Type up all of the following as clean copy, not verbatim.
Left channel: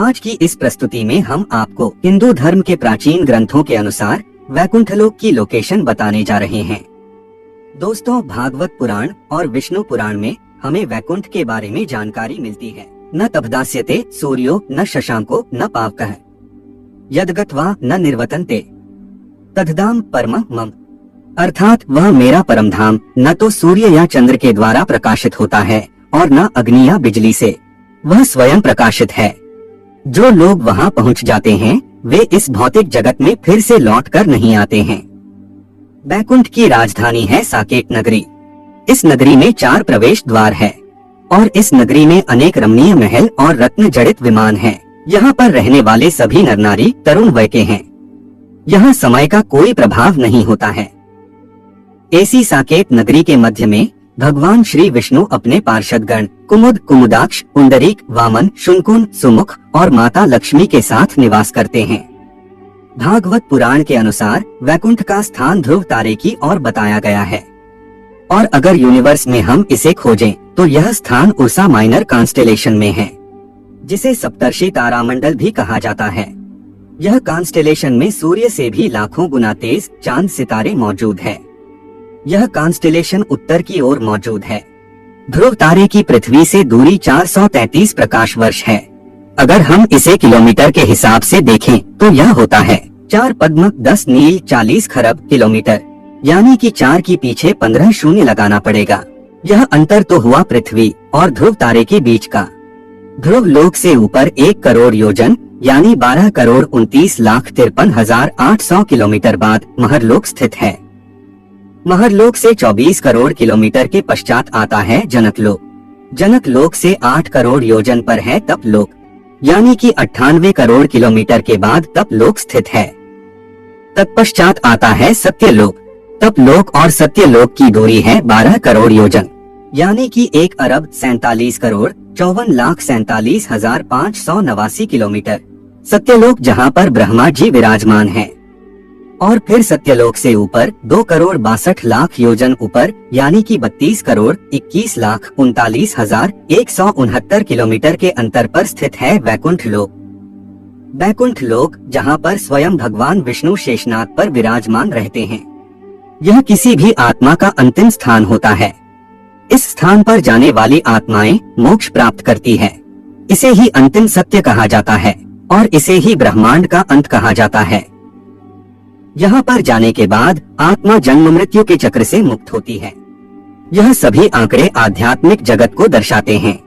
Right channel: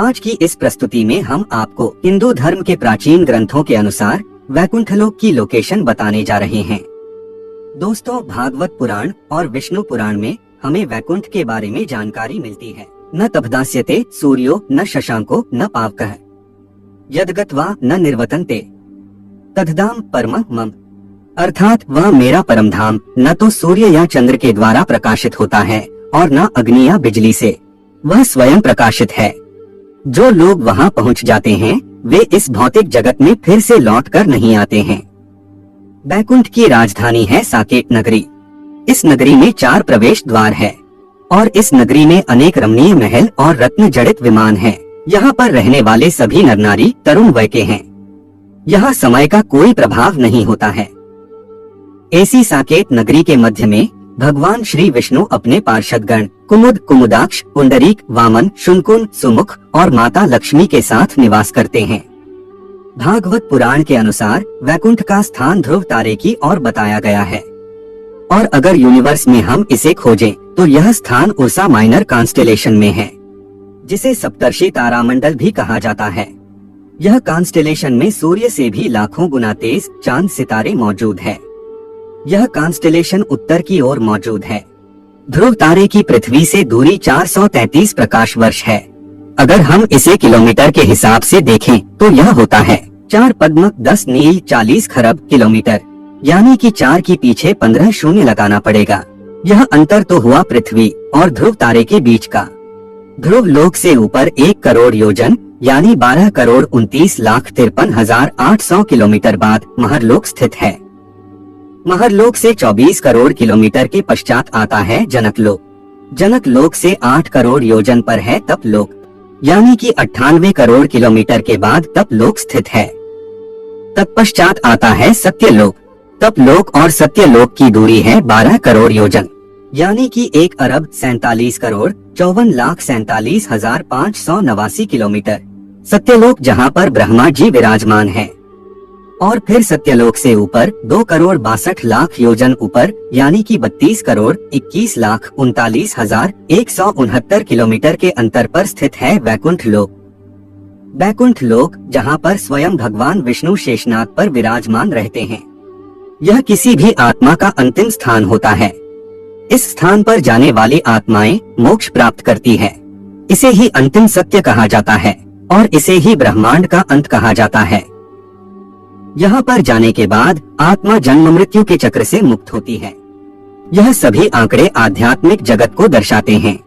आज की इस प्रस्तुति में हम आपको हिंदू धर्म के प्राचीन ग्रंथों के अनुसार वैकुंठ लोक की लोकेशन बताने जा रहे हैं। दोस्तों, भागवत पुराण और विष्णु पुराण में हमें वैकुंठ के बारे में जानकारी मिलती है। न तपदास्यते सूर्यो न शशांको न पावकः यद्गत्वा न निर्वतन्ते तद्धाम परमं मम। अर्थात वह मेरा परम धाम न तो सूर्य या चंद्र के द्वारा प्रकाशित होता है और न अग्नि या बिजली से, वह स्वयं प्रकाशित है। जो लोग वहां पहुंच जाते हैं वे इस भौतिक जगत में फिर से लौट कर नहीं आते हैं। वैकुंठ की राजधानी है साकेत नगरी। इस नगरी में 4 प्रवेश द्वार हैं और इस नगरी में अनेक रमणीय महल और रत्न जड़ित विमान हैं। यहाँ पर रहने वाले सभी नर नारी तरुण वय के हैं। यहाँ समय का कोई प्रभाव नहीं होता है। ऐसी साकेत नगरी के मध्य में भगवान श्री विष्णु अपने पार्षदगण कुमुद, कुमुदाक्ष, पुंडरीक, वामन, शुनकुन, सुमुख और माता लक्ष्मी के साथ निवास करते हैं। भागवत पुराण के अनुसार वैकुंठ का स्थान ध्रुव तारे की ओर बताया गया है और अगर यूनिवर्स में हम इसे खोजें तो यह स्थान उर्सा माइनर कॉन्स्टेलेशन में है, जिसे सप्तर्षि तारामंडल भी कहा जाता है। यह कॉन्स्टेलेशन में सूर्य से भी लाखों गुना तेज चांद सितारे मौजूद है। यह कॉन्स्टेलेशन उत्तर की ओर मौजूद है। ध्रुव तारे की पृथ्वी से दूरी 433 प्रकाश वर्ष है। अगर हम इसे किलोमीटर के हिसाब से देखें तो यह होता है 4 पद्म 10 नील 40 खरब किलोमीटर, यानी कि 4 के पीछे 15 शून्य लगाना पड़ेगा। यह अंतर तो हुआ पृथ्वी और ध्रुव तारे के बीच का। ध्रुव लोक से ऊपर 1 करोड़ योजन यानी 12 करोड़ 29,53,800 किलोमीटर बाद महरलोक स्थित है। महरलोक से 24 करोड़ किलोमीटर के पश्चात आता है जनकलोक। जनकलोक से 8 करोड़ योजन पर है तपलोक, यानी कि 98 करोड़ किलोमीटर के बाद तपलोक स्थित है। तत्पश्चात आता है सत्यलोक। तपलोक और सत्यलोक की दूरी है 12 करोड़ योजन, यानी कि 1 अरब 47 करोड़ 54,47,589 किलोमीटर। सत्यलोक जहाँ पर ब्रह्मा जी विराजमान है। और फिर सत्यलोक से ऊपर 2 करोड़ 62 लाख योजन ऊपर, यानी कि 32 करोड़ 21,39,169 किलोमीटर के अंतर पर स्थित है वैकुंठ लोक। वैकुंठ लोक जहाँ पर स्वयं भगवान विष्णु शेषनाग पर विराजमान रहते हैं। यह किसी भी आत्मा का अंतिम स्थान होता है। इस स्थान पर जाने वाली आत्माएं मोक्ष प्राप्त करती है। इसे ही अंतिम सत्य कहा जाता है और इसे ही ब्रह्मांड का अंत कहा जाता है। यहाँ पर जाने के बाद आत्मा जन्म मृत्यु के चक्र से मुक्त होती है। यह सभी आंकड़े आध्यात्मिक जगत को दर्शाते हैं।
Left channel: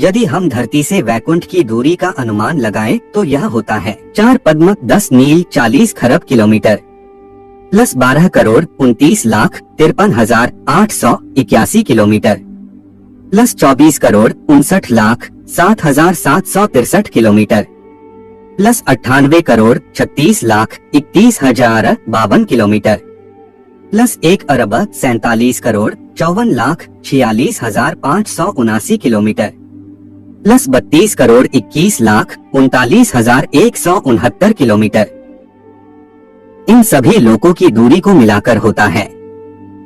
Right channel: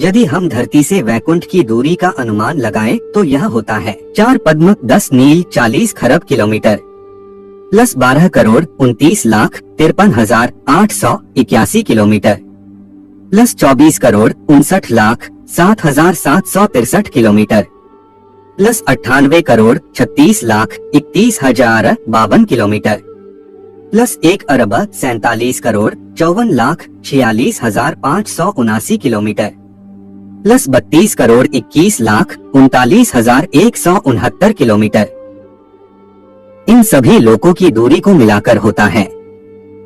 यदि हम धरती से वैकुंठ की दूरी का अनुमान लगाएं तो यह होता है 4 पद्म 10 नील 40 खरब kilometre plus 12 crore 29,53,881 kilometre plus 24 crore 59,07,763 kilometre plus 98 crore 36,31,052 kilometre plus 1 अरब 47 crore 54,46,579 kilometre plus 32 crore 21,39,169 kilometre. इन सभी लोकों की दूरी को मिलाकर होता है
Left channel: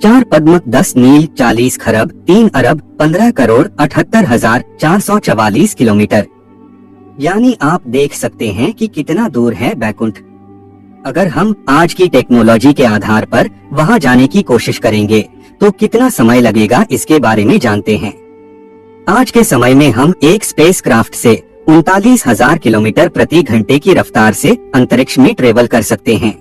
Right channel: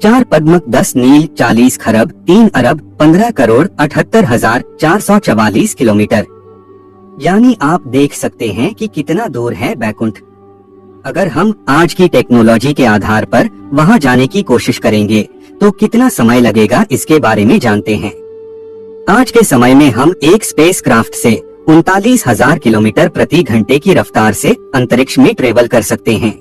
4 पद्म 10 नील 40 खरब 3 अरब 15 करोड़ 78,444 किलोमीटर। यानी आप देख सकते हैं कि कितना दूर है वैकुंठ। अगर हम आज की टेक्नोलॉजी के आधार पर वहां जाने की कोशिश करेंगे तो कितना समय लगेगा इसके बारे में जानते हैं। आज के समय में हम एक स्पेसक्राफ्ट से 39,000 किलोमीटर प्रति घंटे की रफ्तार से अंतरिक्ष में ट्रेवल कर सकते हैं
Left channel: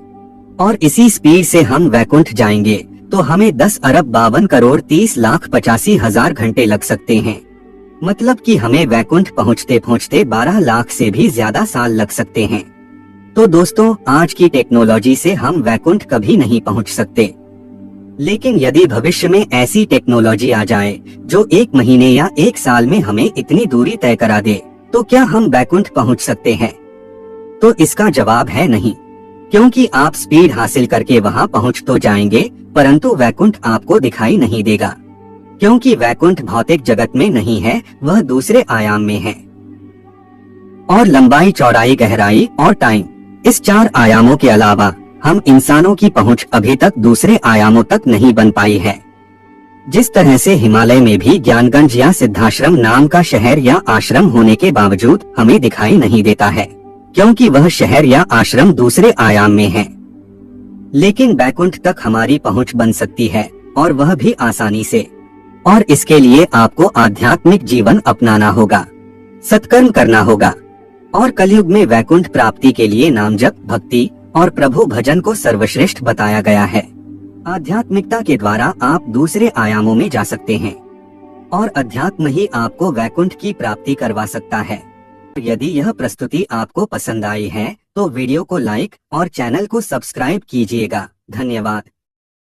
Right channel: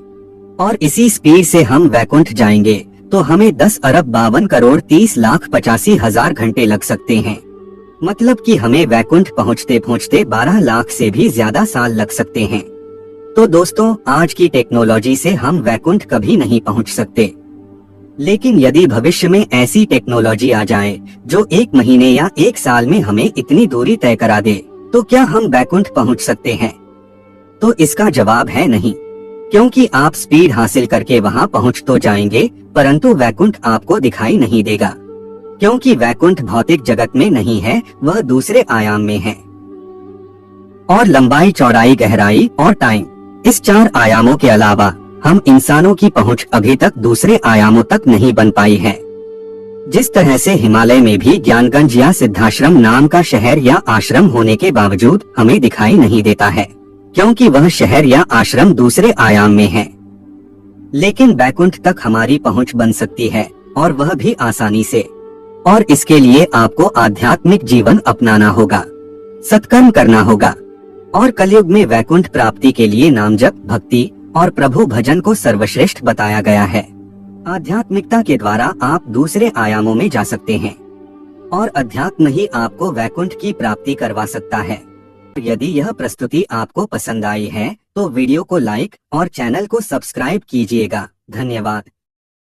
और इसी स्पीड से हम वैकुंठ जाएंगे तो हमें 10 अरब 52 करोड़ 30,85,000 घंटे लग सकते हैं। मतलब कि हमें वैकुंठ पहुंचते पहुंचते 12 लाख से भी ज्यादा साल लग सकते हैं। तो दोस्तों, आज की टेक्नोलॉजी से हम वैकुंठ कभी नहीं पहुंच सकते। लेकिन यदि भविष्य में ऐसी टेक्नोलॉजी आ जाए जो 1 महीने या 1 साल में हमें इतनी दूरी तय करा दे तो क्या हम वैकुंठ पहुंच सकते हैं? तो इसका जवाब है नहीं, क्योंकि आप स्पीड हासिल करके वहां पहुंच तो जाएंगे परंतु वैकुंठ आपको दिखाई नहीं देगा, क्योंकि वैकुंठ भौतिक जगत में नहीं है, वह दूसरे आयाम में है। और लंबाई, चौड़ाई, गहराई और टाइम, इस 4 आयामों के अलावा हम इंसानों की पहुंच अभी तक दूसरे आयामों तक नहीं बन पाई है। जिस तरह से हिमालय में भी ज्ञानगंज या सिद्धाश्रम नाम का शहर या आश्रम होने के बावजूद हमें दिखाई नहीं देता है, क्योंकि वह शहर या आश्रम दूसरे आयाम में है। लेकिन बैकुंठ तक हमारी पहुंच बन सकती है, और वह भी आसानी से। और इसके लिए आपको आध्यात्मिक जीवन अपनाना होगा, सत्कर्म करना होगा, और कलयुग में वैकुंठ प्राप्ति के लिए नाम जप, भक्ति और प्रभु भजन को सर्वश्रेष्ठ बताया गया है। आध्यात्मिकता के द्वारा आप दूसरे आयामों में जा सकते हैं, और अध्यात्म ही आपको वैकुंठ की प्राप्ति करवा सकता है। यदि यह प्रस्तुति आपको पसंद आई है तो वीडियो को लाइक और चैनल को सब्सक्राइब कीजिएगा। धन्यवाद।